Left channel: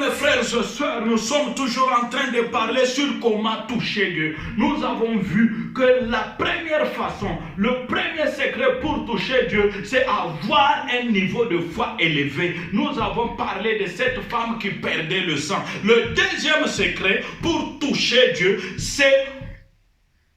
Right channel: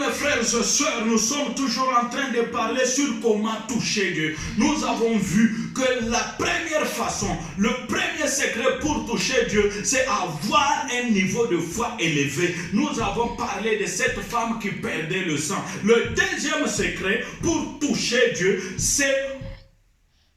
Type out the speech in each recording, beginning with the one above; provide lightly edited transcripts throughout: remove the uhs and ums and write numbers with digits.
Bien-aimés frères et sœurs, nous sommes toujours en train de parler sur comment toucher Dieu. Nous avons vu que la première façon, le premier secret pour toucher Dieu, c'est avoir un niveau de foi élevé. Nous avons parlé de cette femme qui perdait le sang. Le deuxième secret pour toucher Dieu, c'est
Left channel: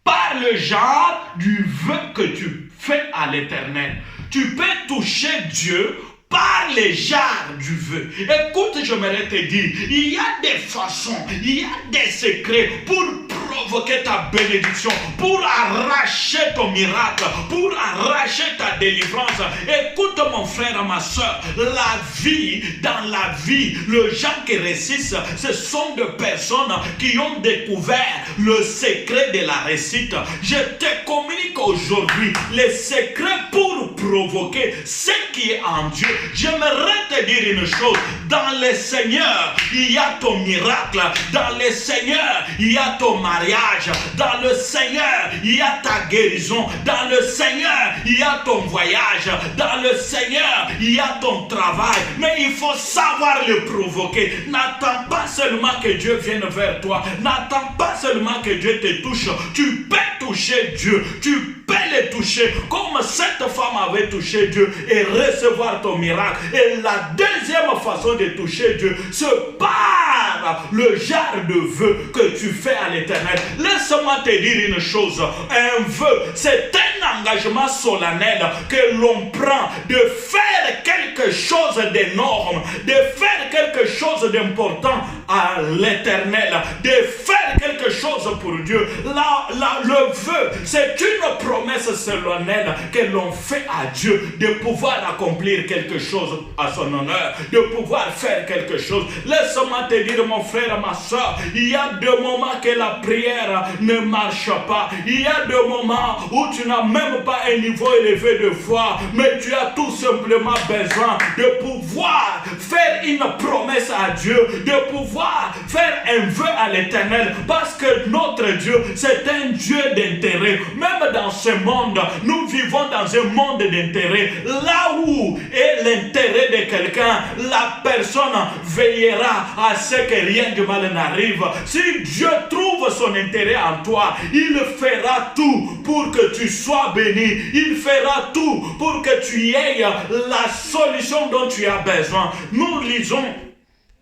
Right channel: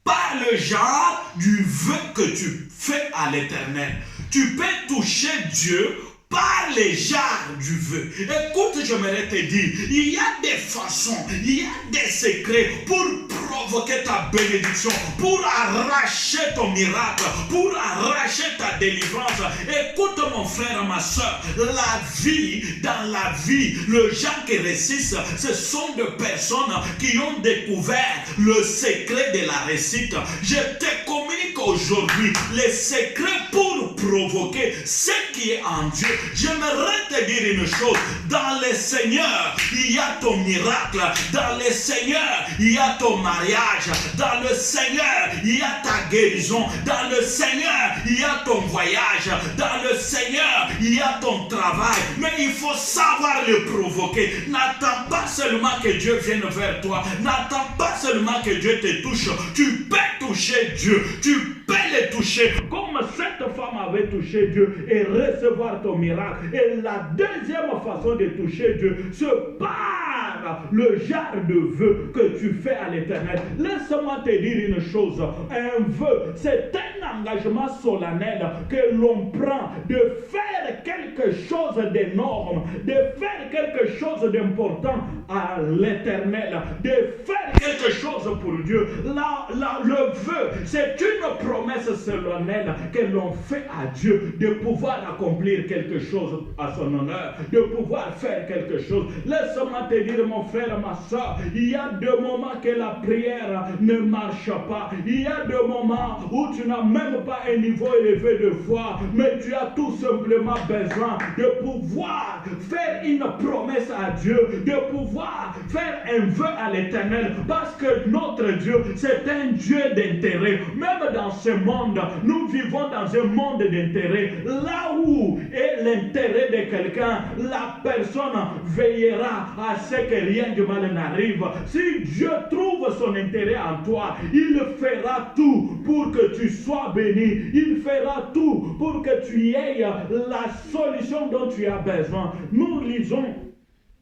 par le genre du vœu que tu fais à l'Éternel. Tu peux toucher Dieu par les genres du vœu. Écoute, j'aimerais te dire, il y a des façons, il y a des secrets pour provoquer ta bénédiction, pour arracher ton miracle, pour arracher ta délivrance. Écoute mon frère, ma soeur, dans la vie, le gens qui réussissent, ce sont des personnes qui ont découvert le secret de la réussite. Je te communique aujourd'hui les secrets pour provoquer ce qui est en Dieu. J'aimerais te dire une chose, dans le Seigneur, il y a ton miracle, dans le Seigneur, il y a ton mariage, dans le Seigneur, il y a ta guérison, dans le Seigneur, il y a ton voyage, dans le Seigneur, il y a ton travail, mais il faut savoir le provoquer. N'attends pas seulement que Dieu vienne vers toi, n'attends pas seulement que Dieu te touche, tu peux toucher Dieu, tu peux le toucher, comme cette femme avait touché Dieu et recevoir ton miracle. Et la deuxième façon de toucher Dieu, c'est par le genre de vœu que tu fais à l'Éternel. Laisse-moi te dire une chose, un vœu, c'est un engagement solennel que l'on prend de faire quelque chose d'énorme, de faire quelque chose d'important à l'Éternel, de faire quelque chose pour Dieu. Le vœu, c'est une promesse solennelle que l'on fait à Dieu de pouvoir accomplir quelque chose à son honneur, de pouvoir faire quelque chose. Laisse-moi te dire, mon frère, ma soeur, il y a des moments que la prière ne marche pas. Il y a des moments où tu n'as même pas un niveau élevé de foi, mais tu as tout simplement besoin de pouvoir faire une promesse à Dieu, de pouvoir faire un vœu à l'Éternel, parce que notre Dieu, c'est un Dieu d'intérêt. Même dans ce monde, nous vivons dans un monde d'intérêt. Là où est l'intérêt de quelqu'un, la personne veillera à ce que rien de mal n'arrive. Si Dieu trouve son intérêt en toi, il fera tout pour que tu sois béni. Il fera tout pour que tu aies la solution dont tu as besoin. Nous lisons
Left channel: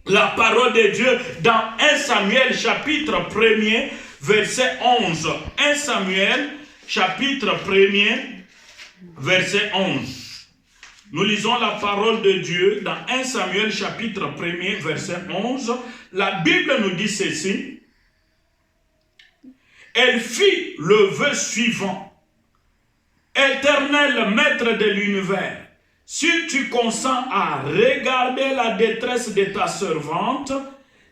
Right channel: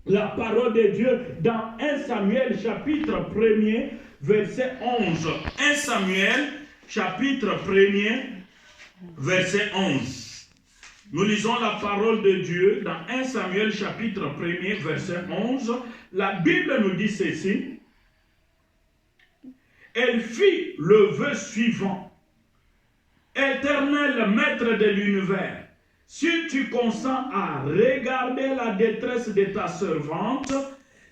la parole de Dieu dans 1 Samuel chapitre 1er verset 11. 1 Samuel chapitre 1er verset 11. Nous lisons la parole de Dieu dans 1 Samuel chapitre 1er verset 11. La Bible nous dit ceci. Elle fit le vœu suivant. Éternel maître de l'univers, si tu consens à regarder la détresse de ta servante,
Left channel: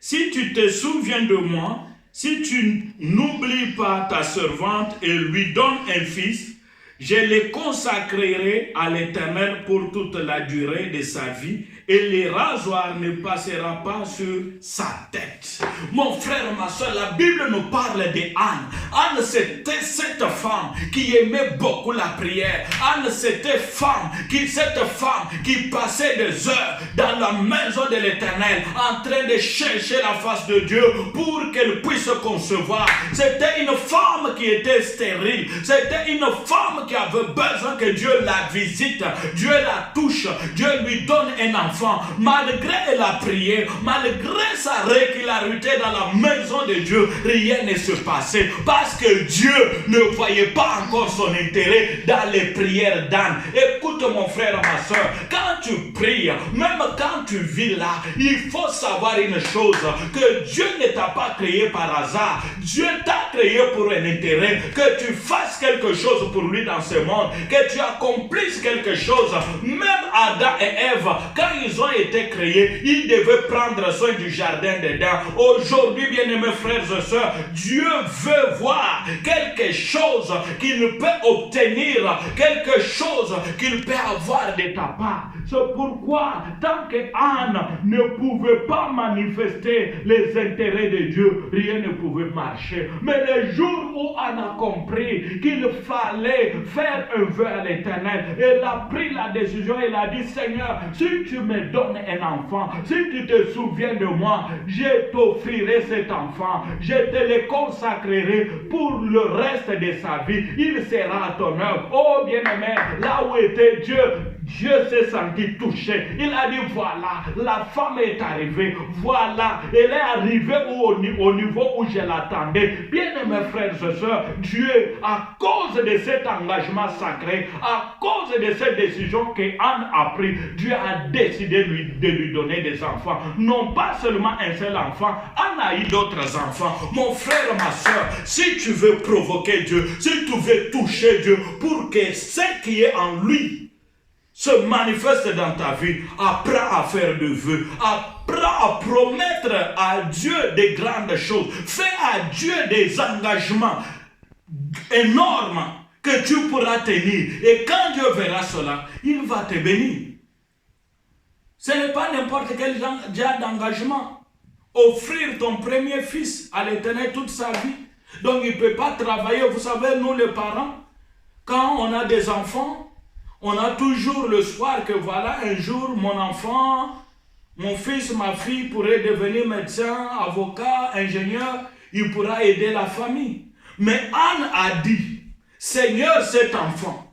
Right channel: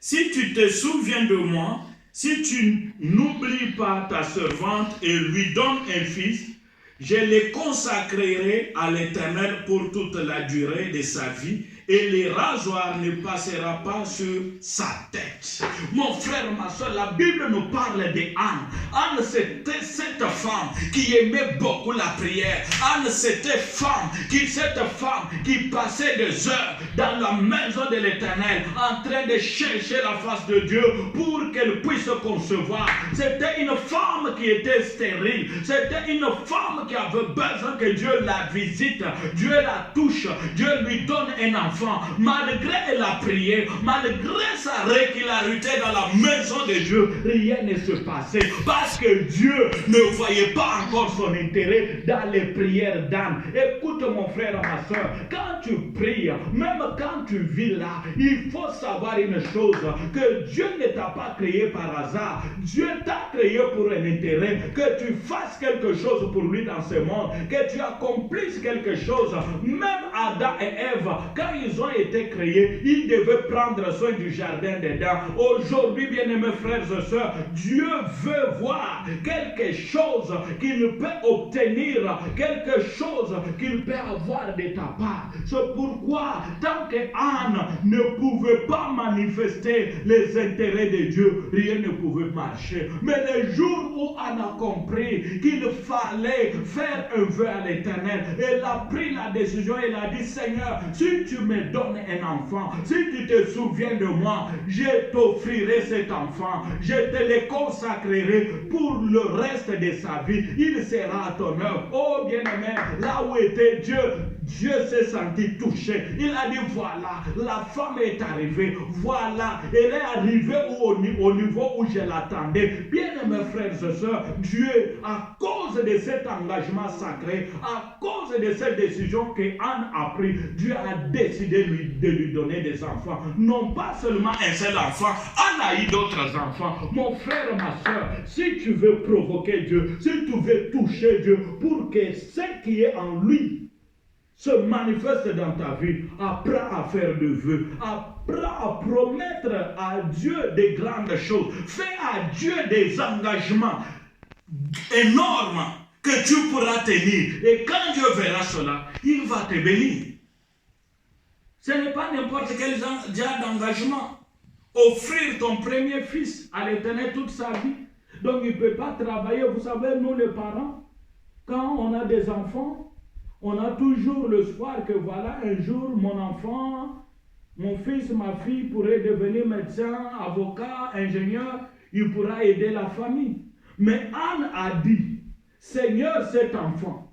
si tu te souviens de moi, si tu n'oublies pas ta servante et lui donnes un fils, je le consacrerai à l'Éternel pour toute la durée de sa vie, et le rasoir ne passera pas sur sa tête. Mon frère, ma soeur, la Bible nous parle de Anne. Anne, c'était cette femme qui aimait beaucoup la prière. Anne, c'était cette femme qui passait des heures dans la maison de l'Éternel en train de chercher la face de Dieu pour qu'elle puisse concevoir. C'était une femme qui était stérile. C'était une femme qui avait besoin que Dieu la visite, Dieu la touche, Dieu lui donne un enfant. Malgré elle a prié, malgré sa régularité dans la maison de Dieu, rien ne se passait parce que Dieu ne voyait pas encore son intérêt dans les prières d'Anne. Écoute mon frère, ma soeur, quand tu pries, même quand tu vis là, il faut savoir une chose, que Dieu ne t'a pas créé par hasard. Dieu t'a créé pour un intérêt, que tu fasses quelque chose pour lui dans ce monde, que tu accomplisses quelque chose. Même Adam et Ève, quand ils ont été créés, ils devaient prendre soin du jardin d'Éden. Aujourd'hui, bien-aimés frères et sœurs, Dieu veut voir quelque chose qu'il peut obtenir, quelque chose qu'il peut avoir de ta part. C'est pourquoi, tant que Anne ne pouvait pas manifester les intérêts de Dieu, rien ne pouvait marcher. Mais le jour où Anne a compris qu'il fallait faire un vœu à l'Éternel, elle a pris la décision, elle a dit, Seigneur, si tu me me donnes un enfant, si tu te souviens de moi, je t'offrirai cet enfant, je te le consacrerai pour le reste de sa vie, il sera à ton œuvre. Oh bien-aimé, là où était Dieu, Dieu s'est senti touché. Il a dit, voilà, la femme est arrivée. Voilà, elle est arrivée au niveau où je l'attendais. Bien-aimés frères et sœurs, Dieu, à cause de cet engagement sacré, à cause de cette décision que Anne a prise, Dieu a décidé de lui donner des enfants. Non pas seulement un seul enfant, Anne a eu d'autres enfants. Mon frère, ma soeur, si tu veux provoquer Dieu, si tu veux toucher Dieu, pour que ce qui est en lui se manifeste dans ta vie, apprends à faire de vœux, apprends à promettre à Dieu des grandes choses, fais à Dieu des engagements énormes que tu pourras tenir. Et quand Dieu verra cela, il va te bénir. Ce n'est pas n'importe quel genre d'engagement. Offrir ton premier fils à l'Éternel toute sa vie. Donc il ne peut pas travailler. Vous savez, nous les parents, quand on a des enfants, on a toujours le soir que voilà, un jour, mon enfant, mon fils, ma fille pourrait devenir médecin, avocat, ingénieur, il pourra aider la famille. Mais Anne a dit, Seigneur, cet enfant,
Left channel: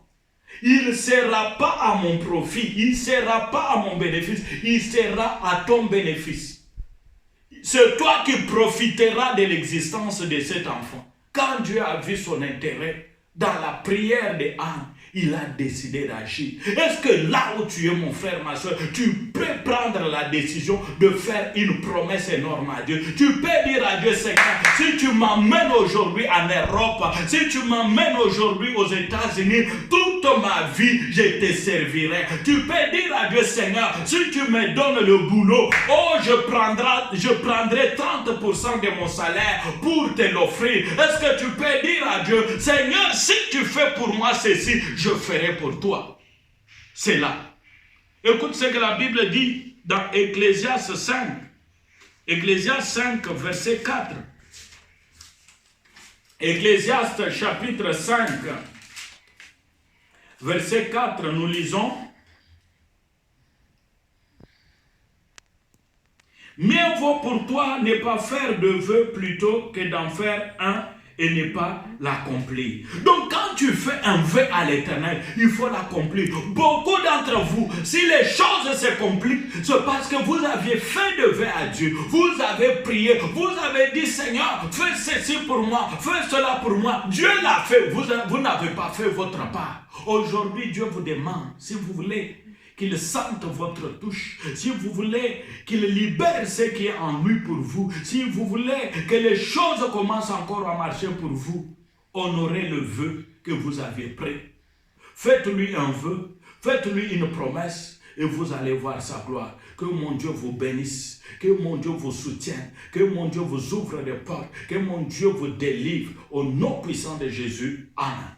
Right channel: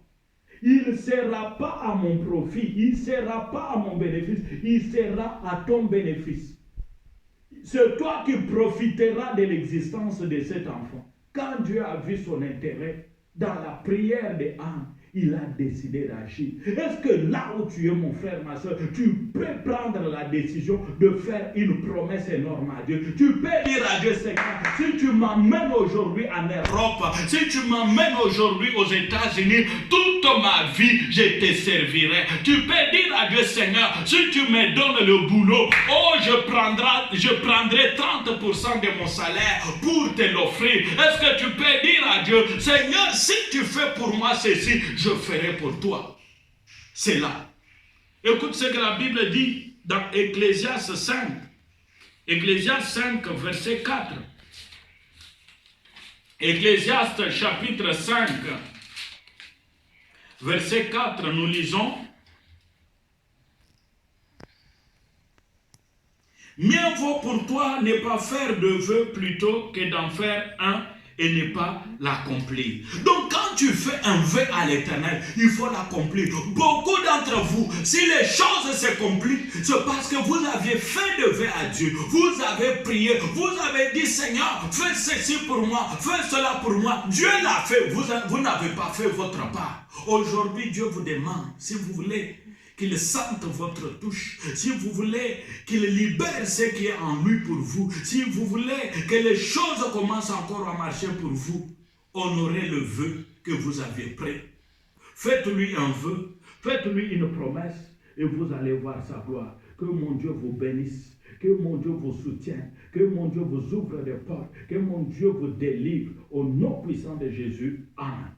il ne sera pas à mon profit, il ne sera pas à mon bénéfice, il sera à ton bénéfice. C'est toi qui profiteras de l'existence de cet enfant. Quand Dieu a vu son intérêt dans la prière de Anne, il a décidé d'agir. Est-ce que là où tu es, mon frère, ma soeur, tu peux prendre la décision de faire une promesse énorme à Dieu? Tu peux dire à Dieu, Seigneur, si tu m'emmènes aujourd'hui en Europe, si tu m'emmènes aujourd'hui aux États-Unis, toute ma vie, je te servirai. Tu peux dire à Dieu, Seigneur, si tu me donnes le boulot, oh, je prendrai 30% de mon salaire pour te l'offrir. Est-ce que tu peux dire à Dieu, Seigneur, si tu fais pour moi ceci, je ferai pour toi. C'est là. Écoute ce que la Bible dit dans Ecclésiaste 5. Ecclésiaste 5, verset 4. Ecclésiaste chapitre 5, verset 4, nous lisons. Mieux vaut pour toi ne pas faire de vœux plutôt que d'en faire un et ne pas l'accomplir. Donc quand tu fais un vœu à l'Éternel, il faut l'accomplir. Beaucoup d'entre vous, si les choses se compliquent, c'est parce que vous aviez fait de vœux à Dieu. Vous avez prié, vous avez dit, Seigneur, fais ceci pour moi, fais cela pour moi. Dieu l'a fait, vous n'avez pas fait votre part. Aujourd'hui, Dieu vous demande, si vous voulez qu'il sente votre touche, si vous voulez qu'il libère ce qui est en lui pour vous, si vous voulez que les choses commencent encore à marcher pour vous, honorez le vœu que vous aviez pris. Faites-lui un vœu, faites-lui une promesse et vous allez voir sa gloire. Que mon Dieu vous bénisse, que mon Dieu vous soutienne, que mon Dieu vous ouvre des portes, que mon Dieu vous délivre au nom puissant de Jésus. Amen.